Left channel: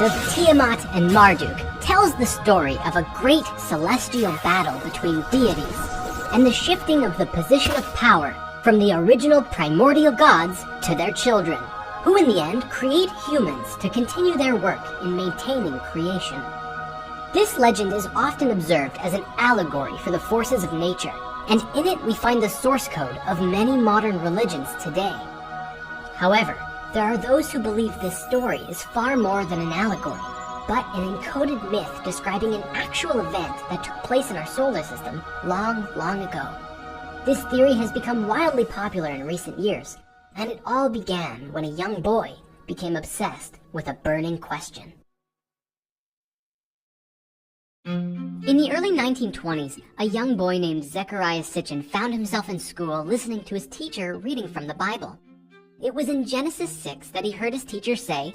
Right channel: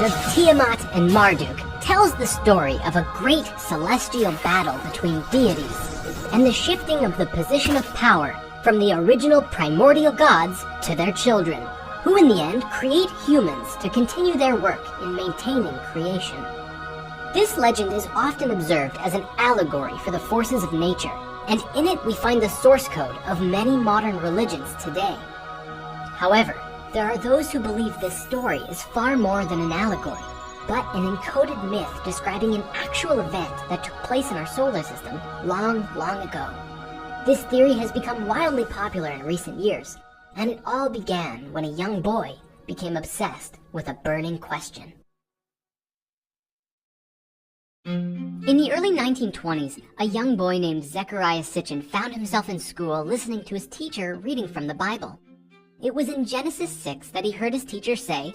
of Tiamat and Marduk tells the story of a great celestial battle between deities and the shifting of the position of power from the original primordial gods to their children, who in the end create humans to continue their work in maintaining creation. This legend is often observed as an allegory for the forces of nature, and in it we find the source code of many modern religions today. However, there are those who believe this story is far more than an allegory, but an encoded myth describing an actual event that took place in our solar system long, long ago. This theory has become wildly popular in recent years, and it all began when a young boy became obsessed with a burning question. In the early 1920s, a young boy named Zechariah Sitchin found himself in school listening to his teacher reading from the Bible. It was in Genesis 6 that he heard his teacher say,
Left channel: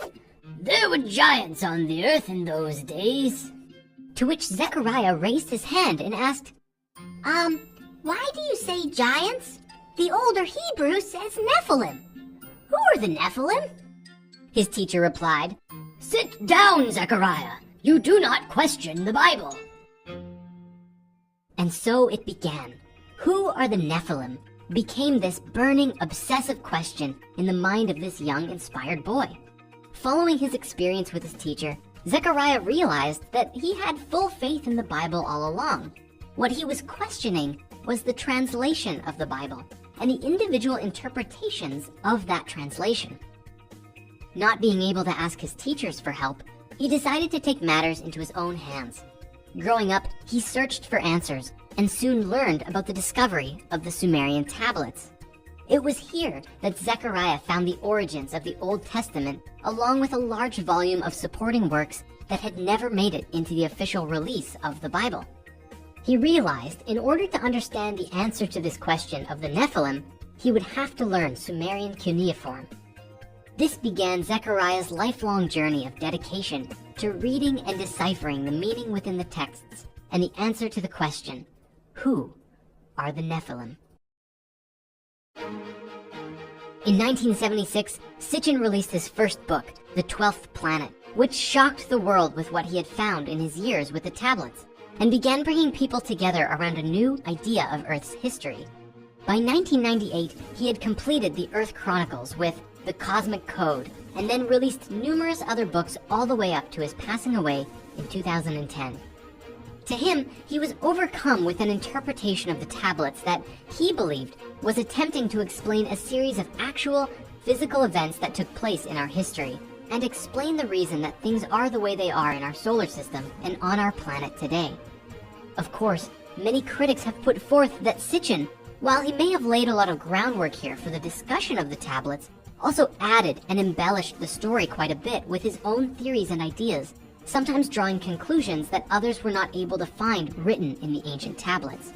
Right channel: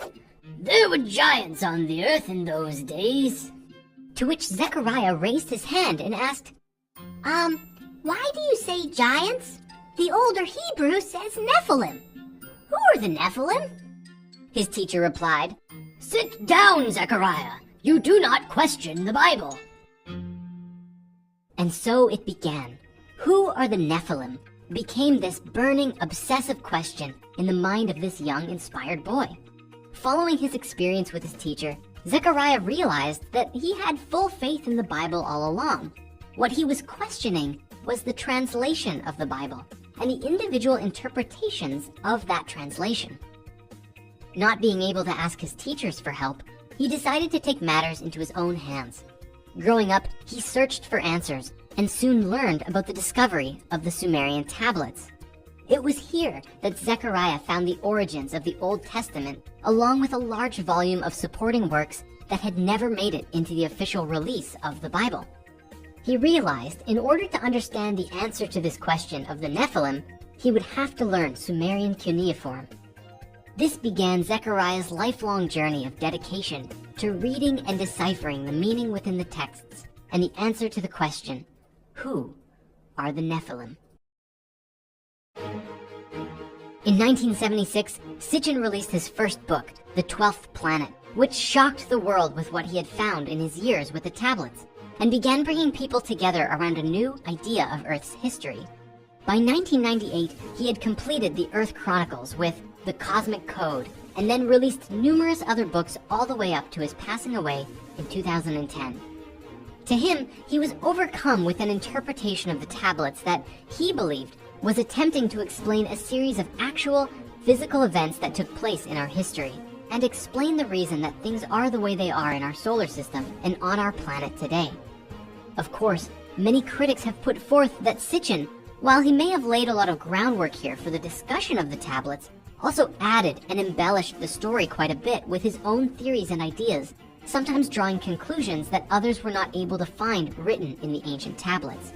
"There were giants on the earth in those days." To which Zechariah raised his hand and asked, why do you say giants? The older Hebrew says Nephilim. Who are the Nephilim? His teacher replied, "Sit down, Zechariah. You do not question the Bible." And so it began. Who are the Nephilim? Became this burning, obsessive question in the mind of this young, inspired boy. Following his experience with his teacher, Zechariah realized that he had full faith in the Bible all along. What he was questioning was the translation of the Bible and the individual interpretations of that translation. Not being able to ask his teachers for help, he decided to take matters into his own hands. Growing up, he searched for answers and soon learned about the discovery of the Sumerian tablets. It was here that Zechariah found the origins of the Old Testament, along with a large volume of supporting works that had never made it into the official release of the Bible. He realized in order to understand the answer to this question of the Nephilim, he would have to learn Sumerian cuneiform. This began Zechariah's lifelong journey of dedication to reading and deciphering the meaning within the texts and the answer to the question, who are the Nephilim? In 1976, Sitchin released his first book, The 12th Planet, which shocked the world with what he had found in his years with the tablets, and began bringing people together around a new idea of Earth's history. By 1998, he had completed the Earth Chronicles with The Cosmic Code, and then released numerous other books all the way up to his passing away in 2010. To him, he was overcome with an interpretation of the tablets that he believed was attempting to explain a series of actual, physical events that took place in our history, and explain the reason that things are the way they are in our solar system and on our planet today. Of course, many critics have put forth that Sitchin, while he may have laid a lot of groundwork here for the discussion of the tablets, also added and embellished the story quite a bit with his own theories and ideas, sometimes drawing conclusions that others were not able to find written in the ancient tablets.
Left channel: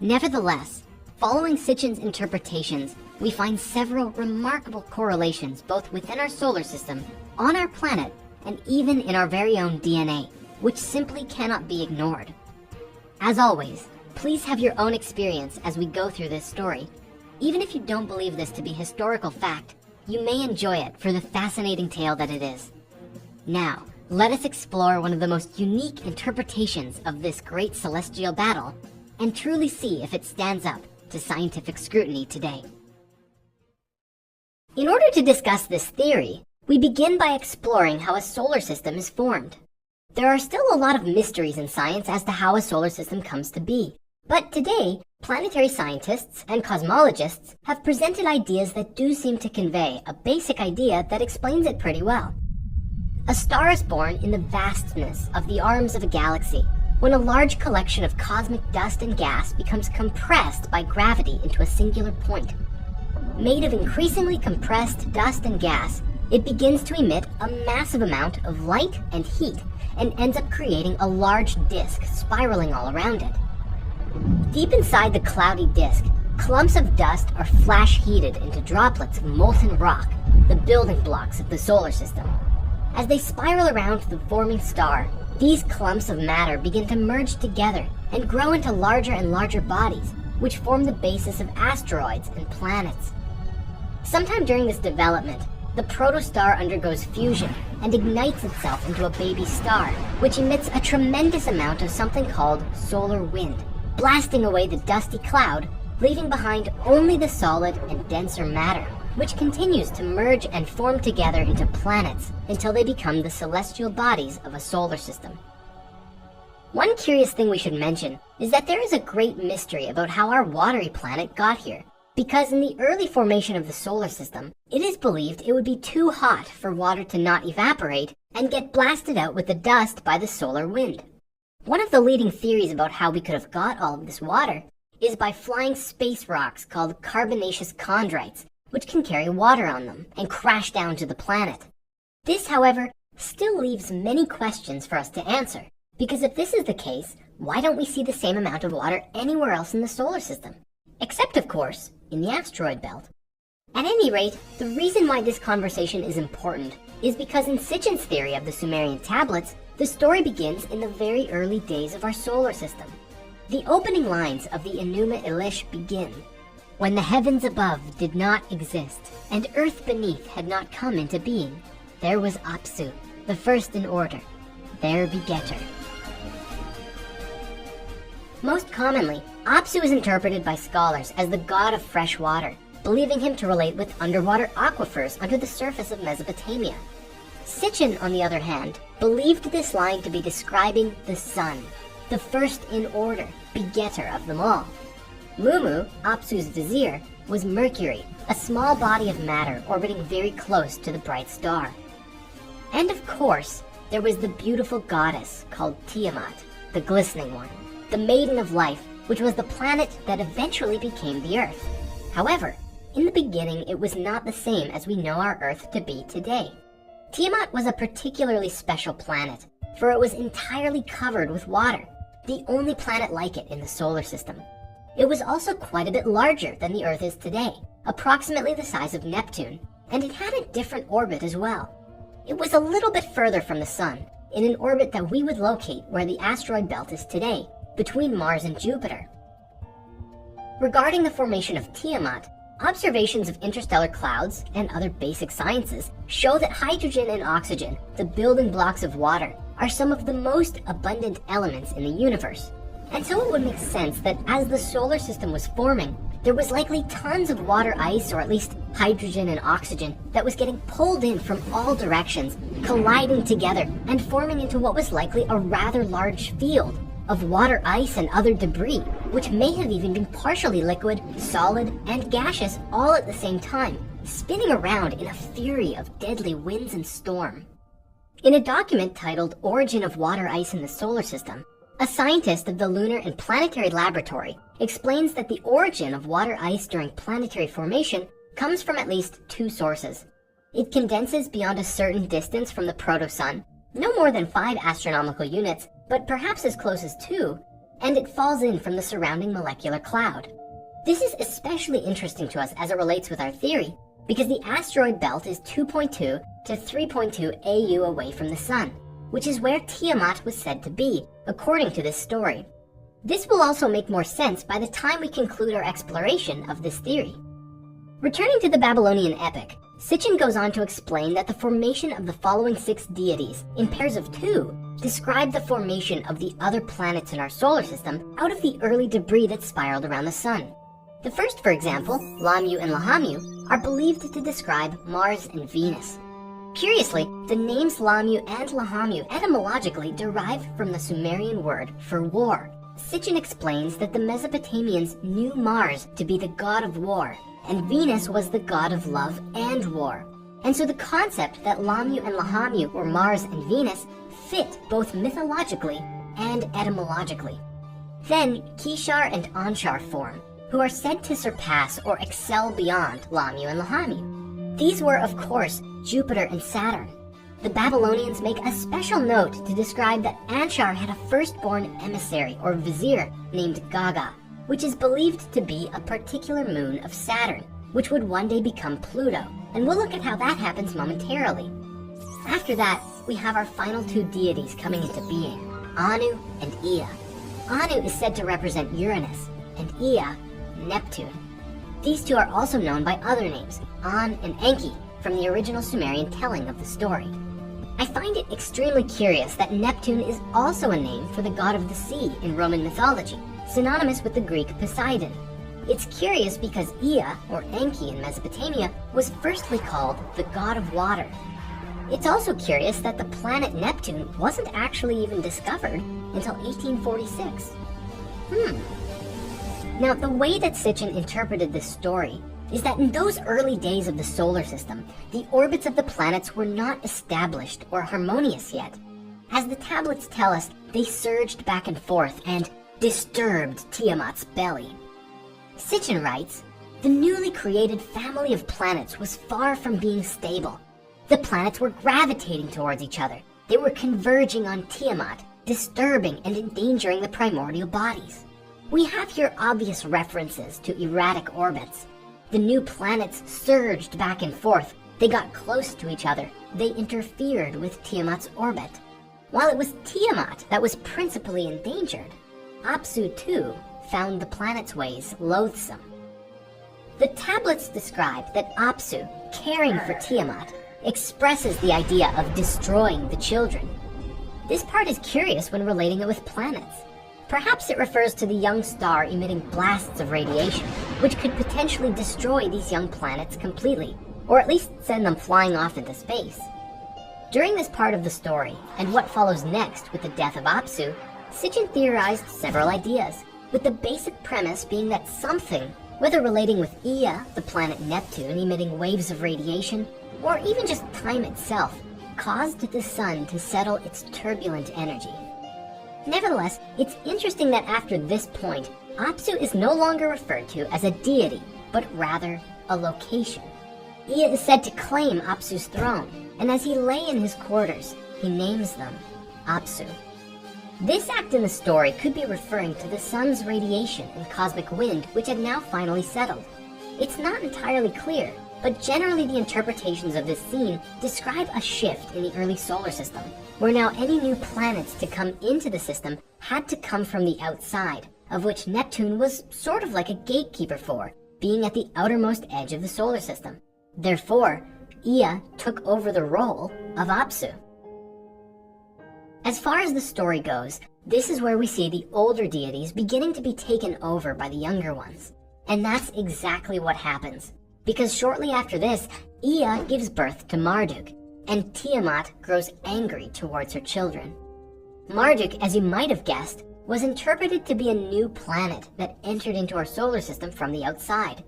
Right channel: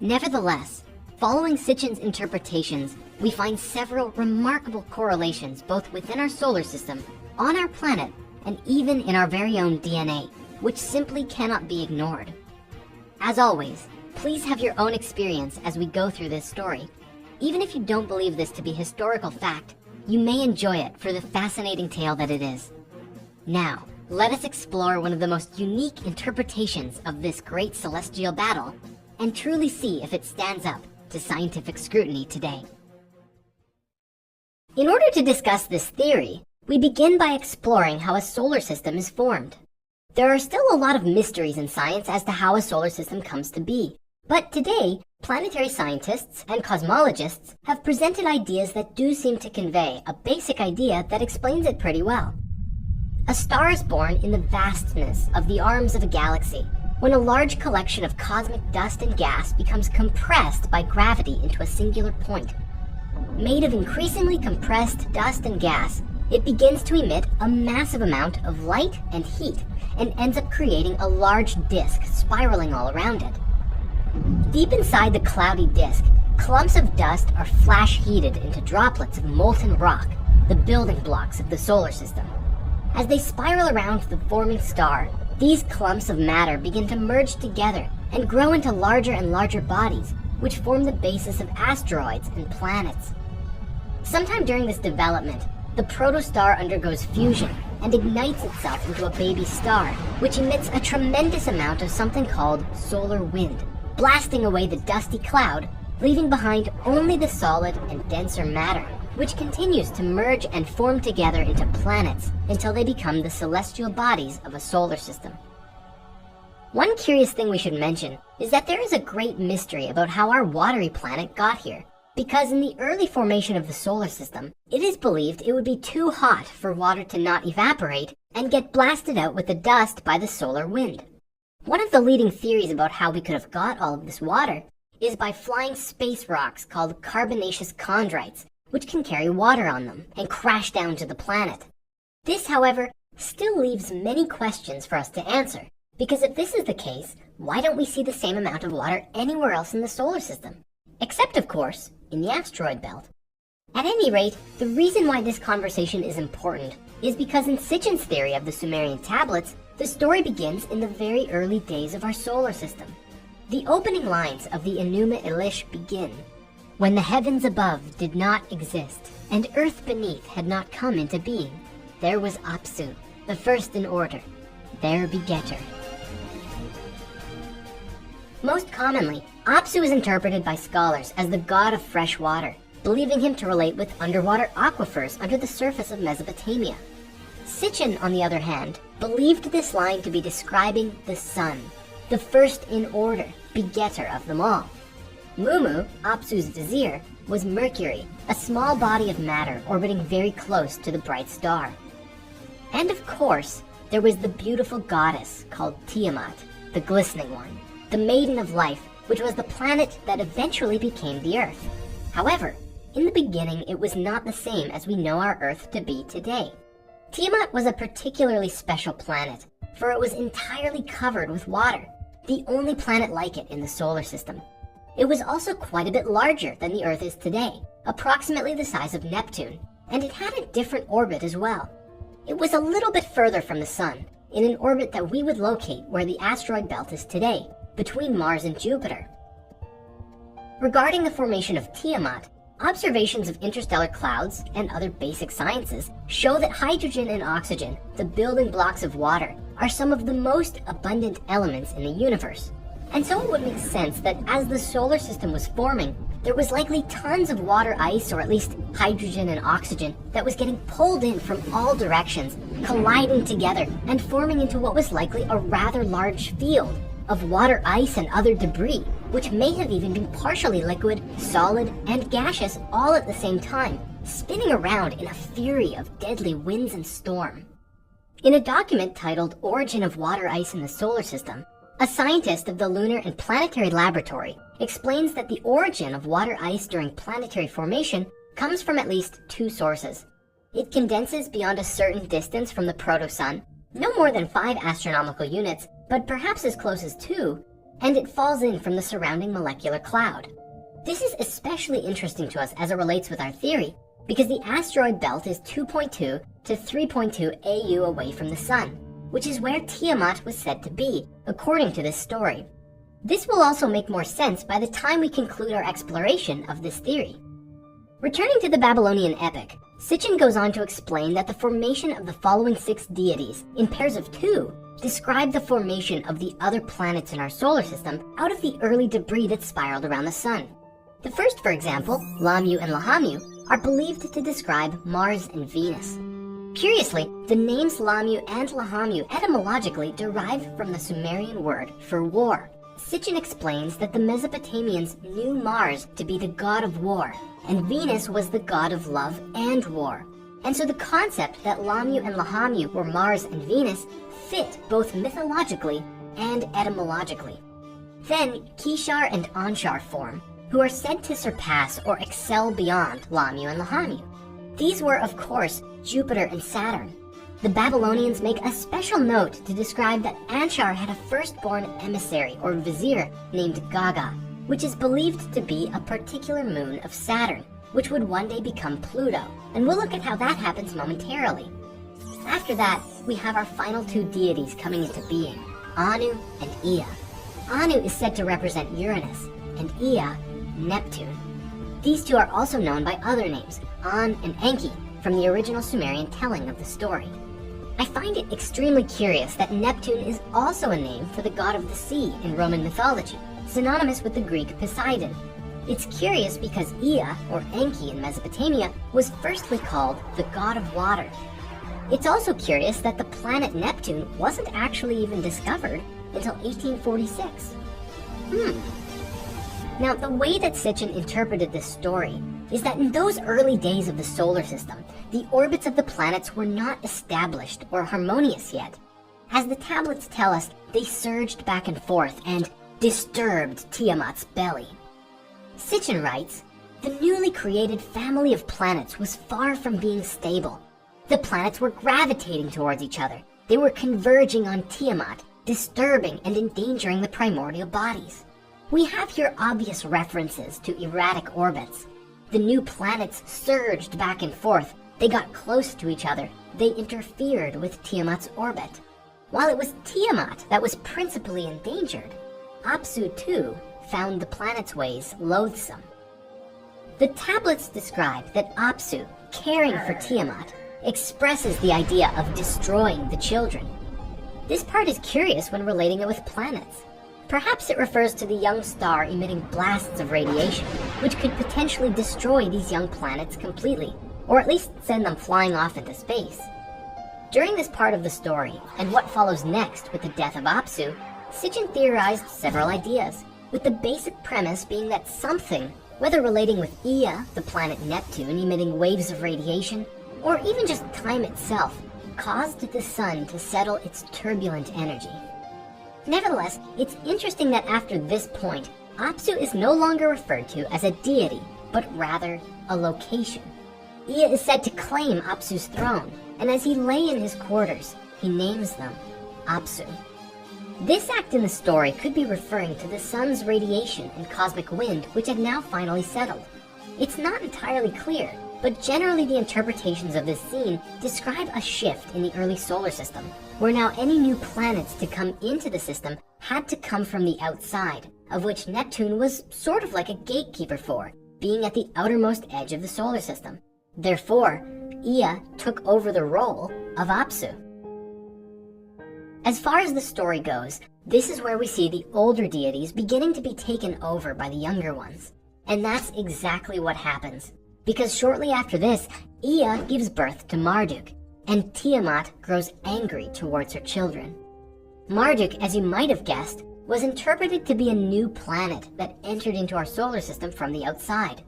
Nevertheless, following Sitchin's interpretations, we find several remarkable correlations both within our solar system, on our planet, and even in our very own DNA, which simply cannot be ignored. As always, please have your own experience as we go through this story. Even if you don't believe this to be historical fact, you may enjoy it for the fascinating tale that it is. Now, let us explore one of the most unique interpretations of this great celestial battle, and truly see if it stands up to scientific scrutiny today. In order to discuss this theory, we begin by exploring how a solar system is formed. There are still a lot of mysteries in science as to how a solar system comes to be, but today, planetary scientists and cosmologists have presented ideas that do seem to convey a basic idea that explains it pretty well. A star is born in the vastness of the arms of a galaxy, when a large collection of cosmic dust and gas becomes compressed by gravity into a singular point. Made of increasingly compressed dust and gas, it begins to emit a massive amount of light and heat and ends up creating a large disk spiraling all around it. Deep inside the cloudy disk, clumps of dust are flash heated into droplets of molten rock, the building blocks of the solar system. As they spiral around the forming star, these clumps of matter begin to merge together and grow into larger and larger bodies, which form the basis of asteroids and planets. Sometime during this development, the protostar undergoes fusion and ignites itself into a baby star, which emits a tremendous amount of something called solar wind, blasting away the dusty cloud, leaving behind only the solid and denser matter, which continues to merge and form together into planets until they become the celestial bodies of a solar system. One curious thing we should mention is that there is a great mystery about how our watery planet got here, because in the early formation of the solar system, it is believed it would be too hot for water to not evaporate and get blasted out with the dust by the solar wind. One of the leading theories about how we could have got all of this water is by flying space rocks called carbonaceous chondrites, which can carry water on them and crash down to the planet. This, however, still leaves many questions for us to answer, because if this is the case, why don't we see the same amount of water anywhere else in the solar system? Except, of course, in the asteroid belt. At any rate, the reason why this conversation is important is because in Sitchin's theory of the Sumerian tablets, the story begins in the very early days of our solar system. The opening lines of the ENUMA ELISH begin, "When the heavens above did not exist, and earth beneath had not come into being, there was Apsu, the first in order, their begetter." Most commonly, Apsu is interpreted by scholars as the god of fresh water, believing him to relate with underwater aquifers under the surface of Mesopotamia. Sitchin, on the other hand, believed this line to be describing the sun, the first in order, begetter of them all. Mumu, Apsu's vizier, was Mercury, a small body of matter orbiting very close to the bright star. And of course, there was the beautiful goddess called Tiamat, the glistening one, the maiden of life, which was the planet that eventually became the Earth. However, in the beginning it was not the same as we know our Earth to be today. Tiamat was a particularly special planet, for it was entirely covered with water, the only planet like it in the solar system. It was also quite a bit larger than the Earth is today, approximately the size of Neptune, and it had a different orbit as well. It was a little bit further from the Sun, in an orbit that we would locate where the asteroid belt is today, between Mars and Jupiter. Regarding the formation of Tiamat, observations of interstellar clouds and other basic sciences show that hydrogen and oxygen, the building blocks of water, are some of the most abundant elements in the universe. And so it would make sense that as the solar system was forming, there was likely tons of water ice, or at least hydrogen and oxygen, that was getting pulled in from all directions, colliding together and forming into what was likely a rather large field of water ice and other debris, which may have even been partially liquid, solid, and gaseous all at the same time, spinning around in a fury of deadly winds and storm. In a document titled Origin of Water Ice in the Solar System, a scientist of the Lunar and Planetary Laboratory explains that the origin of water ice during planetary formation comes from at least two sources. It condenses beyond a certain distance from the proto-sun, no more than 5 astronomical units, but perhaps as close as 2, and it falls in from the surrounding molecular cloud. This is especially interesting to us as it relates with our theory, because the asteroid belt is 2.2 to 3.2 AU away from the Sun, which is where Tiamat was said to be, according to this story. This will also make more sense by the time we conclude our exploration of this theory. Returning to the Babylonian epic, Sitchin goes on to explain that the formation of the following 6 deities, in pairs of 2, describe the formation of the other planets in our solar system out of the early debris that spiraled around the Sun. The first, for example, Lamu and Lahamu, are believed to describe Mars and Venus. Curiously, the names Lamu and Lahamu etymologically derive from the Sumerian word for war. Sitchin explains that the Mesopotamians knew Mars to be the god of war, and Venus was the god of love and war. And so the concept that Lamu and Lahamu were Mars and Venus fit both mythologically and etymologically. Then Kishar and Anshar form, who are said to surpass or excel beyond Lamu and Lahamu. These were, of course, Jupiter and Saturn. The Babylonians make a special note to describe that Anshar had a firstborn emissary or vizier named Gaga, which is believed to be a particular moon of Saturn, which would one day become Pluto, and we'll look at how that happens momentarily. After that, we have our final 2 deities coming into being, Anu and Ea. Anu is said to represent Uranus, and Ea, Neptune. These 2 are also known by other names, An and Enki, from the original Sumerian telling of the story. I find it extremely curious that Neptune is also a name for the god of the sea in Roman mythology, synonymous with the Greek Poseidon. It's curious because Ea, or Enki in Mesopotamia, was firstly called the god of water. It's also curious that the planet Neptune wasn't actually even discovered until 1846. Now, the way that Sitchin interpreted this story is that in those early days of the solar system, the orbits of the planets were not established or harmonious yet. As the tablets tell us, they surged back and forth and disturbed Tiamat's belly. Sitchin writes, the newly created family of planets was far from being stable. The planets were gravitating towards each other. They were converging on Tiamat, disturbing and endangering the primordial bodies. We have here obvious references to erratic orbits. The new planets surged back and forth. They got close to each other. They interfered with Tiamat's orbit. While it was Tiamat that was principally endangered, Apsu too found the planet's ways loathsome. The tablets describe that Apsu, caring for Tiamat, expresses the idea of destroying the children. This part is curious when relating it with planets. Perhaps it refers to the young star emitting blasts of radiation, which could potentially destroy these young planets completely, or at least send them flying off into space. During this part of the story, and what follows next with the death of Apsu, Sitchin theorized several ideas, with the basic premise being that something, whether relating with Ea, the planet Neptune emitting waves of radiation, or even just time itself, caused the sun to settle its turbulent energy. Nevertheless, it's interesting that after this point, Apsu is no longer referred to as a deity, but rather a location. Ea is said to claim Apsu's throne, and as he lay in his quarters, he names them Apsu. This act in the story could be referring to the sun's radiation and cosmic wind, which had now finally settled. It's not entirely clear, but generally the interpretations of this scene describe a shift in the early solar system, where now any new planets to come into the system had to come from the outside, of which Neptune was sort of like a gatekeeper for, being at the outermost edge of the solar system. Therefore, Ea took over the role of Apsu. As far as the story goes, this is where we see the older deities beginning to be taken over by the younger ones. And that's exactly what happens. Because shortly after this, Ea gives birth to Marduk, and Tiamat grows angry towards her children. Marduk, as you might have guessed, was interpreted to be a new planet that entered into our solar system from the outside.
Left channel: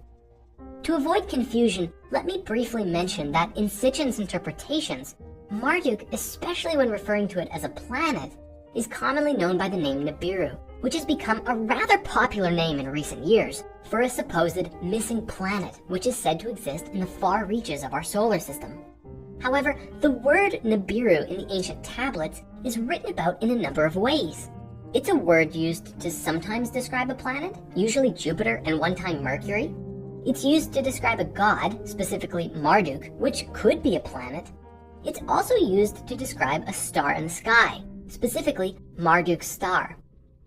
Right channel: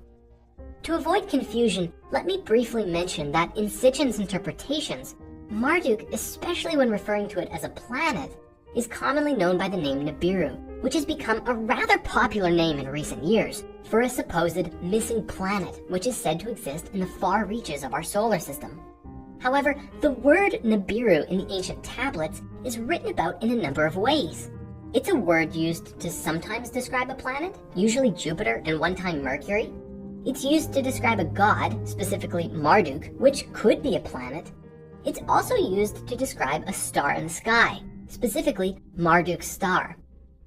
To avoid confusion, let me briefly mention that in Sitchin's interpretations, Marduk, especially when referring to it as a planet, is commonly known by the name Nibiru, which has become a rather popular name in recent years for a supposed missing planet which is said to exist in the far reaches of our solar system. However, the word Nibiru in the ancient tablets is written about in a number of ways. It's a word used to sometimes describe a planet, usually Jupiter and one time Mercury. It's used to describe a god, specifically Marduk, which could be a planet. It's also used to describe a star in the sky, specifically Marduk's star.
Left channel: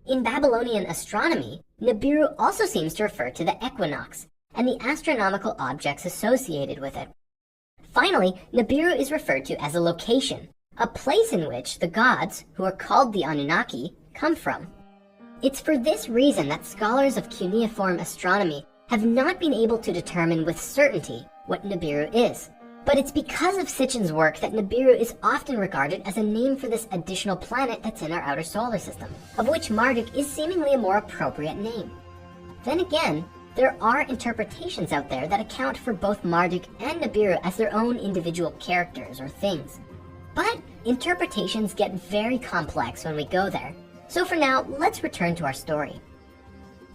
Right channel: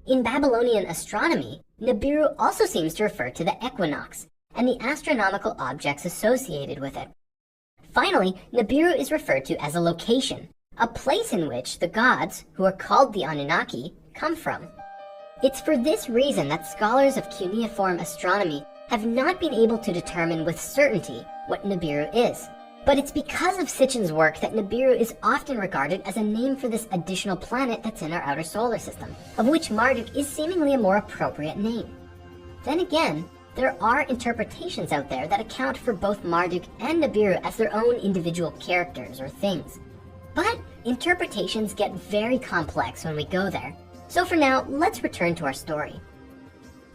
In Babylonian astronomy, Nibiru also seems to refer to the equinox and the astronomical objects associated with it. Finally, Nibiru is referred to as a location, a place in which the gods, who are called the Anunnaki, come from. It's for this reason that scholars of cuneiform astronomy have not been able to determine with certainty what Nibiru is. But it's because of Sitchin's work that Nibiru is often regarded as a name for this additional planet that's in our outer solar system, of which Marduk is seemingly a more appropriate name. Then again, there are interpretations out there that account for both Marduk and Nibiru as their own individual characters or things. But interpretations get very complex when we go there, so for now, let's return to our story.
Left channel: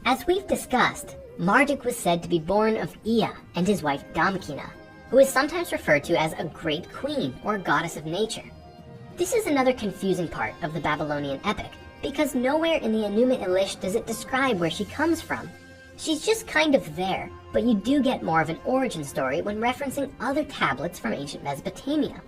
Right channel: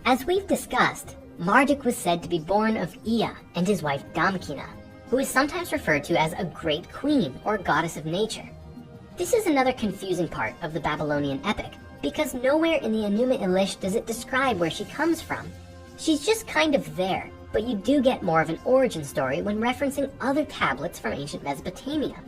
As we've discussed, Marduk was said to be born of Ea and his wife Damkina, who is sometimes referred to as a great queen or goddess of nature. This is another confusing part of the Babylonian epic, because nowhere in the ENUMA ELISH does it describe where she comes from. She's just kind of there, but you do get more of an origin story when referencing other tablets from ancient Mesopotamia.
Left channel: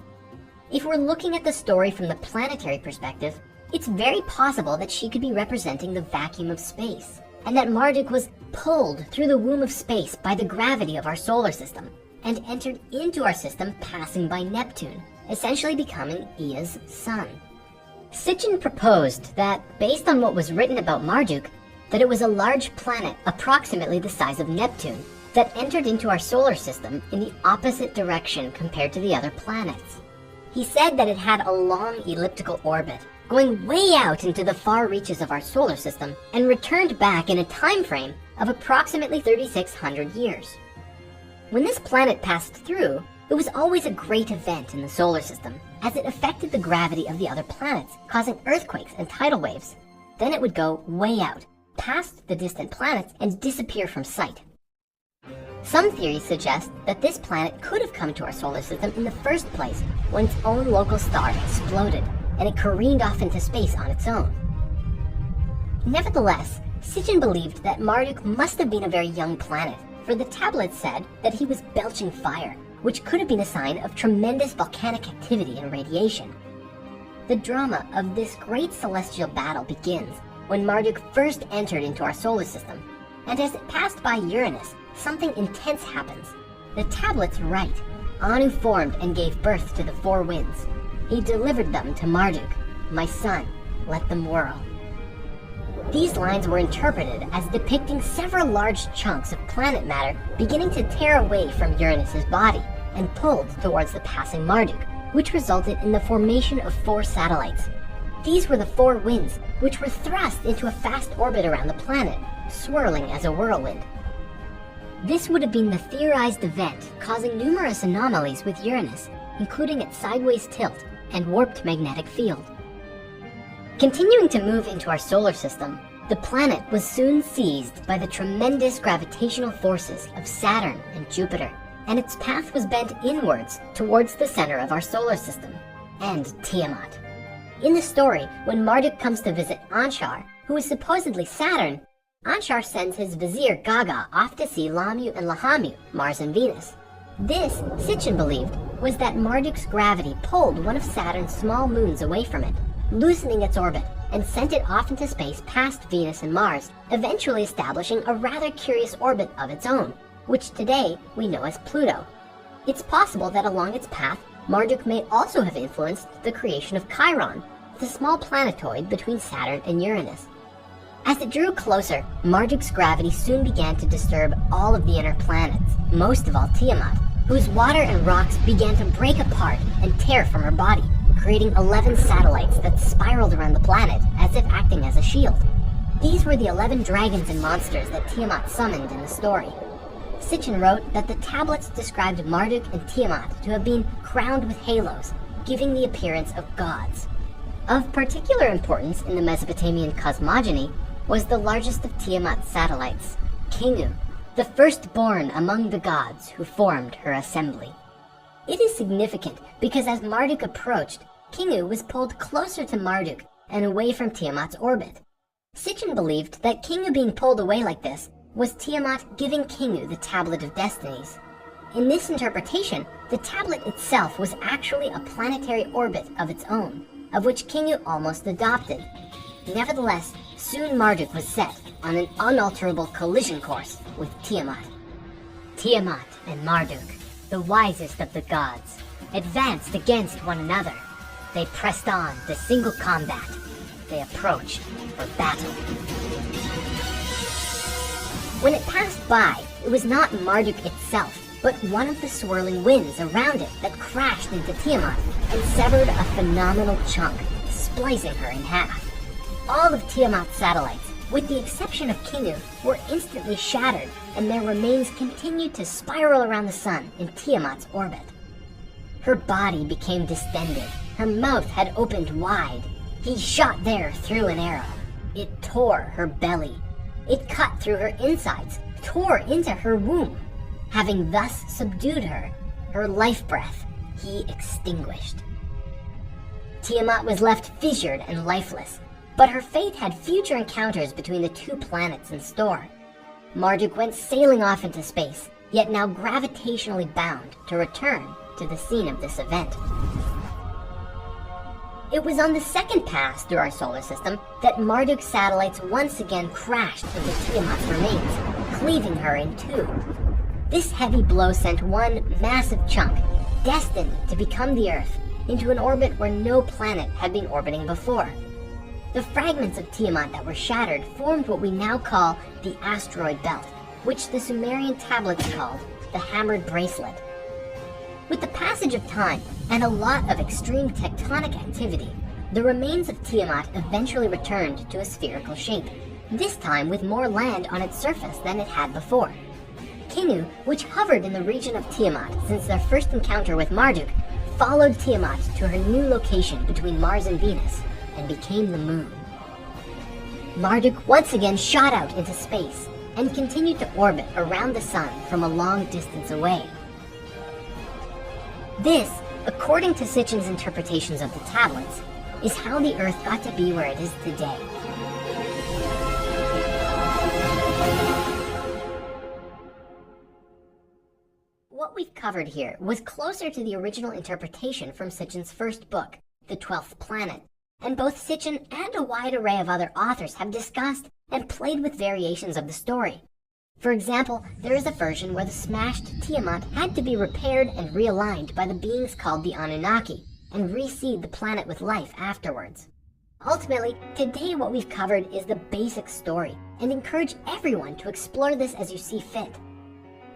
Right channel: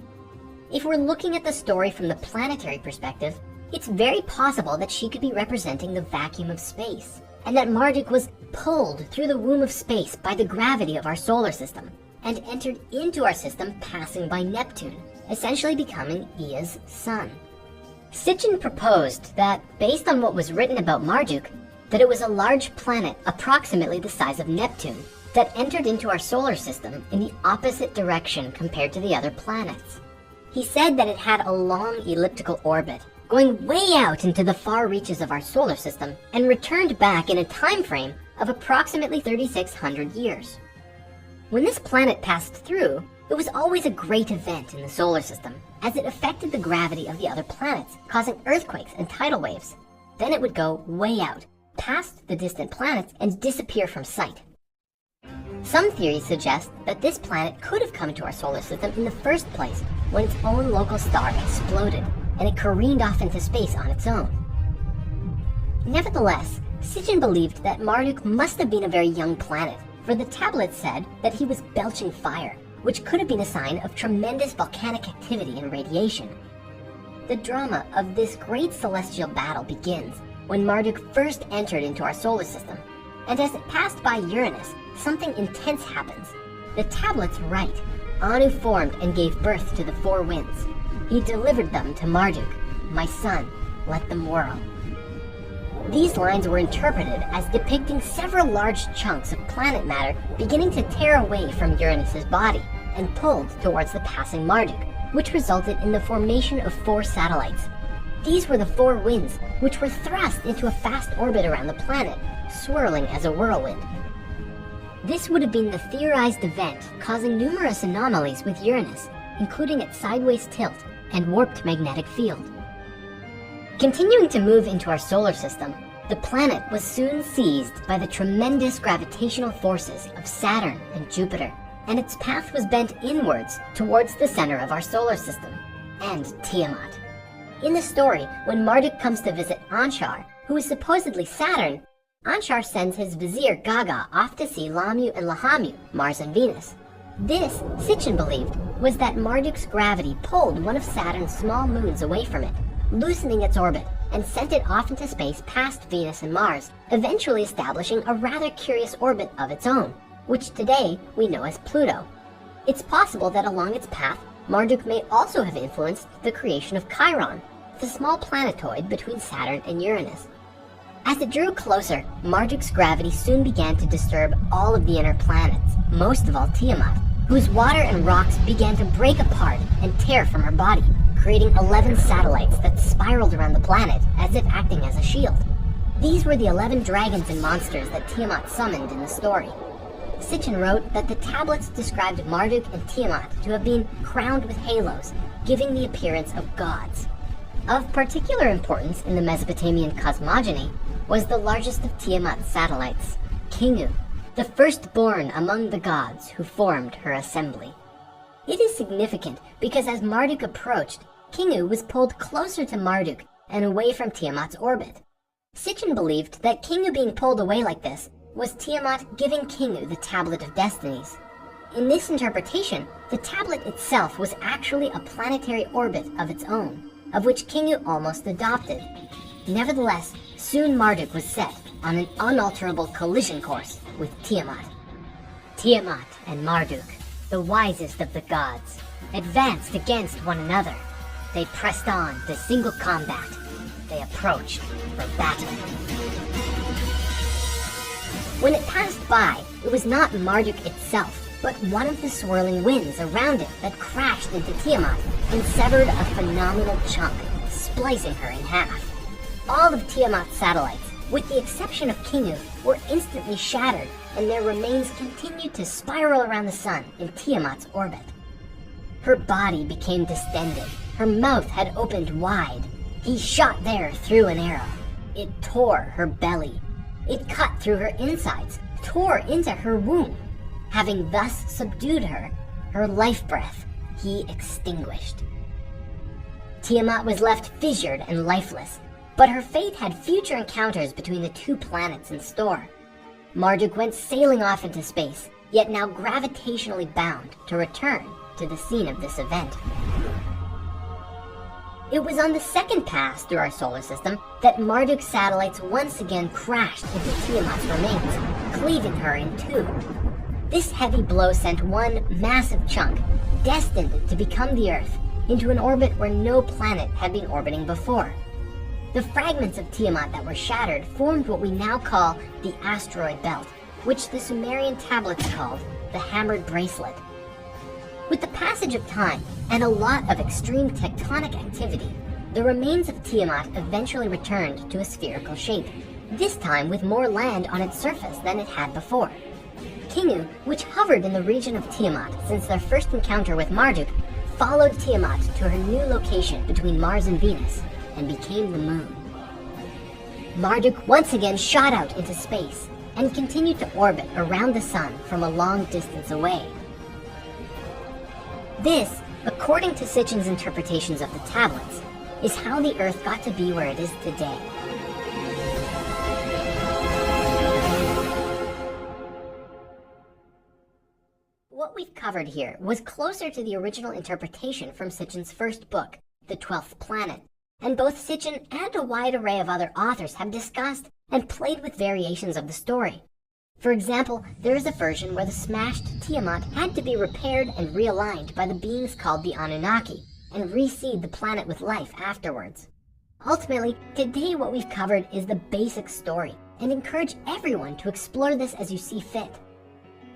If we're looking at the story from the planetary perspective, it's very possible that she could be representing the vacuum of space, and that Marduk was pulled through the womb of space by the gravity of our solar system, and entered into our system passing by Neptune, essentially becoming Ea's son. Sitchin proposed that, based on what was written about Marduk, that it was a large planet approximately the size of Neptune that entered into our solar system in the opposite direction compared to the other planets. He said that it had a long elliptical orbit, going way out into the far reaches of our solar system, and returned back in a time frame of approximately 3,600 years. When this planet passed through, it was always a great event in the solar system, as it affected the gravity of the other planets, causing earthquakes and tidal waves. Then it would go way out, past the distant planets, and disappear from sight. Some theories suggest that this planet could have come to our solar system in the first place when its own local star exploded and it careened off into space on its own. Nevertheless, Sitchin believed that Marduk must have been a very young planet, for the tablet said that he was belching fire, which could have been a sign of tremendous volcanic activity and radiation. The drama of this great celestial battle begins when Marduk first entered into our solar system, and as it passed by Uranus, something intense happens. The tablets write, Anu formed and gave birth to the four winds. He delivered them to Marduk, my son, let them whirl. These lines were interpreted as depicting several large chunks of planet matter beginning to tear away from Uranus's body and pulled towards the passing Marduk, which resulted in the formation of four satellites. These were the four winds, which were thrust into a fast orbit around the planet, swirling as a whirlwind. This would have been the theorized event causing numerous anomalies with Uranus, including its sideways tilt and warped magnetic field. Continuing to move into our solar system, the planet was soon seized by the tremendous gravitational forces of Saturn and Jupiter, and its path was bent inwards towards the center of our solar system, and Tiamat. In the story, when Marduk comes to visit Anshar, who is supposedly Saturn, Anshar sends his vizier Gaga off to see Lamu and Lahamu, Mars and Venus. This, Sitchin believed, was that Marduk's gravity pulled one of Saturn's small moons away from it, loosening its orbit, and sent it off into space past Venus and Mars, eventually establishing a rather curious orbit of its own, which today we know as Pluto. It's possible that along its path, Marduk may also have influenced the creation of Chiron, the small planetoid between Saturn and Uranus. As it drew closer, Marduk's gravity soon began to disturb all of the inner planets, most of all Tiamat, whose water and rocks began to break apart and tear from her body, creating 11 satellites that spiraled around the planet as if acting as a shield. These were the 11 dragons and monsters that Tiamat summoned in the story. Sitchin wrote that the tablets described Marduk and Tiamat to have been crowned with halos, giving the appearance of gods. Of particular importance in the Mesopotamian cosmogony was the largest of Tiamat's satellites, Kingu, the firstborn among the gods who formed her assembly. It is significant because as Marduk approached, Kingu was pulled closer to Marduk and away from Tiamat's orbit. Sitchin believed that Kingu being pulled away like this was Tiamat giving Kingu the Tablet of Destinies. In this interpretation, the tablet itself was actually a planetary orbit of its own, of which Kingu almost adopted. Nevertheless, soon Marduk was set on an unalterable collision course with Tiamat. Tiamat and Marduk, the wisest of the gods, advanced against one another. They pressed on to single combat. They approached for battle. When it passed by, it was not Marduk itself, but one of the swirling winds around it that crashed into Tiamat and severed a phenomenal chunk, splicing her in half. All of Tiamat's satellites, with the exception of Kingu, were instantly shattered, and their remains continued to spiral around the sun in Tiamat's orbit. Her body became distended. Her mouth had opened wide. He shot there through an arrow. It tore her belly. It cut through her insides, tore into her womb. Having thus subdued her, her life breath he extinguished. Tiamat was left fissured and lifeless, but her fate had future encounters between the two planets in store. Marduk went sailing off into space, yet now gravitationally bound to return to the scene of this event. It was on the second pass through our solar system that Marduk's satellites once again crashed into Tiamat's remains, cleaving her in two. This heavy blow sent one massive chunk, destined to become the Earth, into an orbit where no planet had been orbiting before. The fragments of Tiamat that were shattered formed what we now call the asteroid belt, which the Sumerian tablets called the hammered bracelet. With the passage of time and a lot of extreme tectonic activity, the remains of Tiamat eventually returned to a spherical shape, this time with more land on its surface than it had before. Kingu, which hovered in the region of Tiamat since their first encounter with Marduk, followed Tiamat to her new location between Mars and Venus and became the moon. Marduk once again shot out into space and continued to orbit around the sun from a long distance away. This, according to Sitchin's interpretations of the tablets, is how the Earth got to be where it is today. What we've covered here was closer to the original interpretation from Sitchin's first book, The 12th Planet, and both Sitchin and a wide array of other authors have discussed and played with variations of the story. For example, there is a version where the smashed Tiamat had to be repaired and realigned by the beings called the Anunnaki, and reseed the planet with life afterwards. Ultimately, today what we've covered is the basic story, and encourage everyone to explore this as you see fit.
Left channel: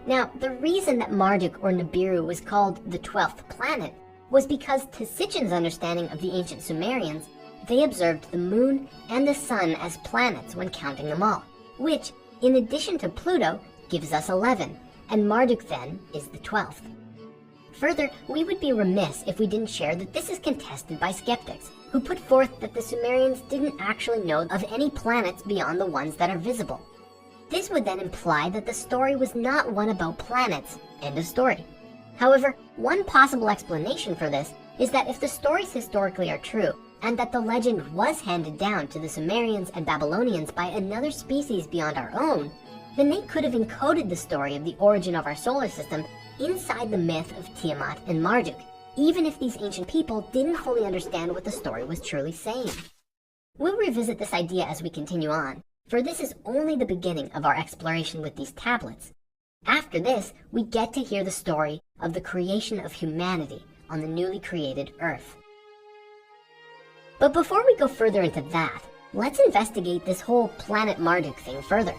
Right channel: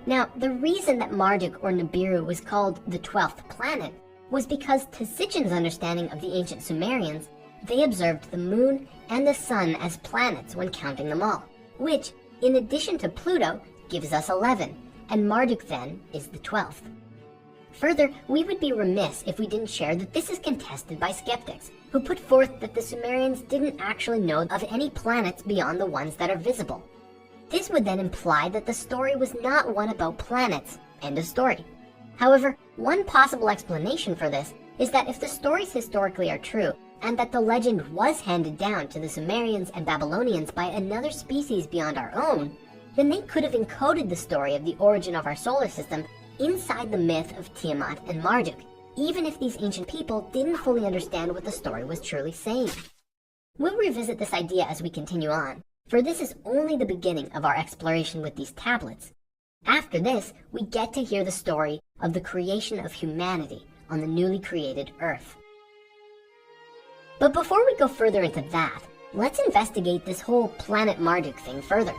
Now, the reason that Marduk or Nibiru was called the 12th planet was because, to Sitchin's understanding of the ancient Sumerians, they observed the moon and the sun as planets when counting them all, which, in addition to Pluto, gives us 11, and Marduk then is the 12th. Further, we would be remiss if we didn't share that this is contested by skeptics, who put forth that the Sumerians didn't actually know of any planets beyond the ones that are visible. This would then imply that the story was not one about planets, end of story. However, one possible explanation for this is that if the stories historically are true, and that the legend was handed down to the Sumerians and Babylonians by another species beyond our own, then they could have encoded the story of the origin of our solar system inside the myth of Tiamat and Marduk, even if these ancient people didn't fully understand what the story was truly saying. We'll revisit this idea as we continue on, for this is only the beginning of our exploration with these tablets. After this, we get to hear the story of the creation of humanity on the newly created Earth. But before we go further into that, let's investigate this whole planet Marduk thing further.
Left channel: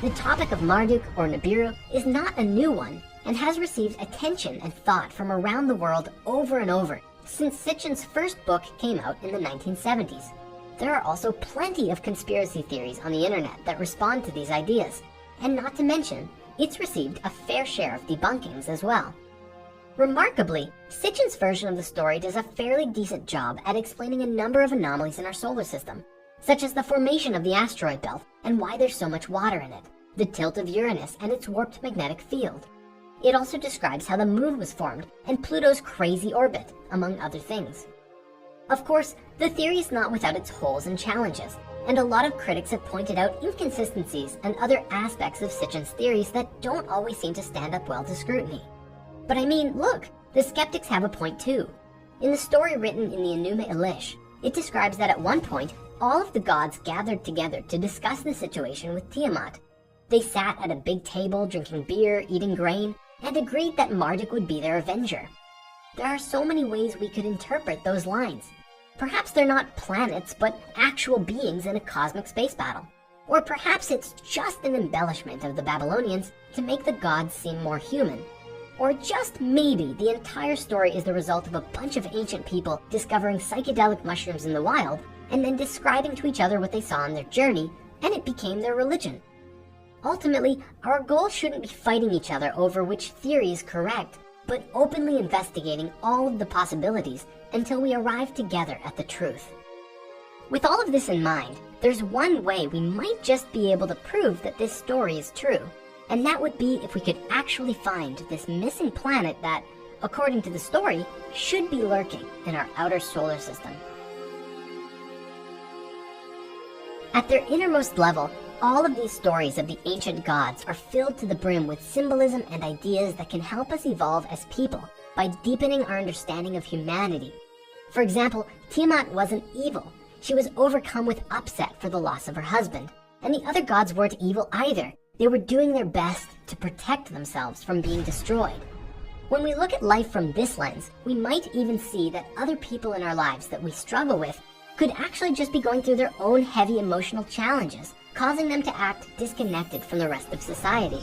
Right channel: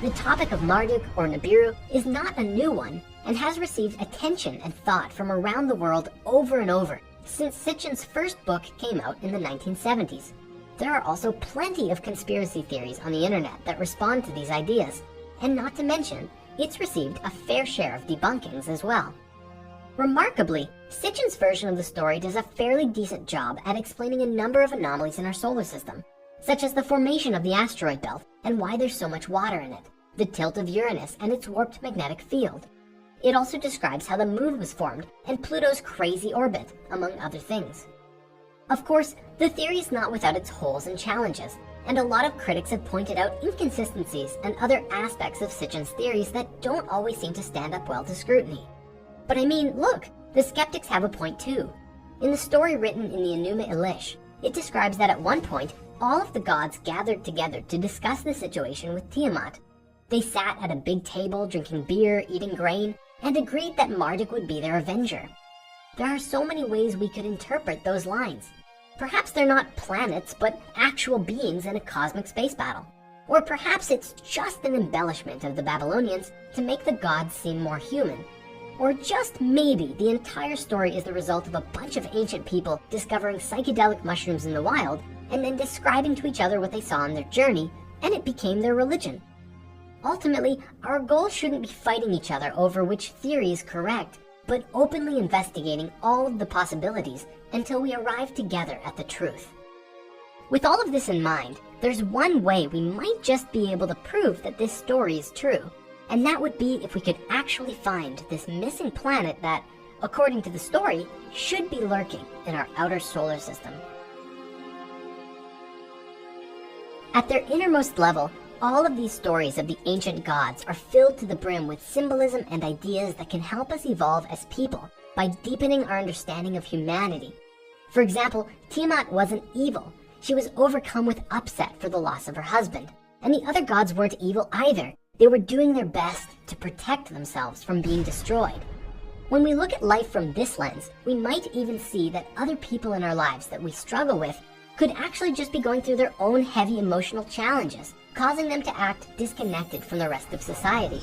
The topic of Marduk or Nibiru is not a new one, and has received attention and thought from around the world over and over since Sitchin's first book came out in the 1970s. There are also plenty of conspiracy theories on the internet that respond to these ideas, and not to mention, it's received a fair share of debunkings as well. Remarkably, Sitchin's version of the story does a fairly decent job at explaining a number of anomalies in our solar system, such as the formation of the asteroid belt and why there's so much water in it, the tilt of Uranus and its warped magnetic field. It also describes how the moon was formed and Pluto's crazy orbit, among other things. Of course, the theory is not without its holes and challenges, and a lot of critics have pointed out inconsistencies and other aspects of Sitchin's theories that don't always seem to stand up well to scrutiny. But I mean, look, the skeptics have a point too. In the story written in the ENUMA ELISH, it describes that at one point, all of the gods gathered together to discuss the situation with Tiamat. They sat at a big table drinking beer, eating grain, and agreed that Marduk would be their avenger. There are so many ways we could interpret those lines. Perhaps they're not planets, but actual beings in a cosmic space battle. Or perhaps it's just an embellishment of the Babylonians to make the gods seem more human. Or just maybe the entire story is the result of a bunch of ancient people discovering psychedelic mushrooms in the wild and then describing to each other what they saw on their journey, and it became their religion. Ultimately, our goal shouldn't be fighting each other over which theory is correct, but openly investigating all of the possibilities until we arrive together at the truth. With all of this in mind, there's one way we might just be able to prove that this story is true, and that would be if we could actually find this missing planet that, according to the story, should be lurking in our outer solar system. At their innermost level, all of these stories of the ancient gods are filled to the brim with symbolism and ideas that can help us evolve as people by deepening our understanding of humanity. For example, Tiamat wasn't evil. She was overcome with upset for the loss of her husband. And the other gods weren't evil either. They were doing their best to protect themselves from being destroyed. When we look at life from this lens, we might even see that other people in our lives that we struggle with could actually just be going through their own heavy emotional challenges, causing them to act disconnected from the rest of society.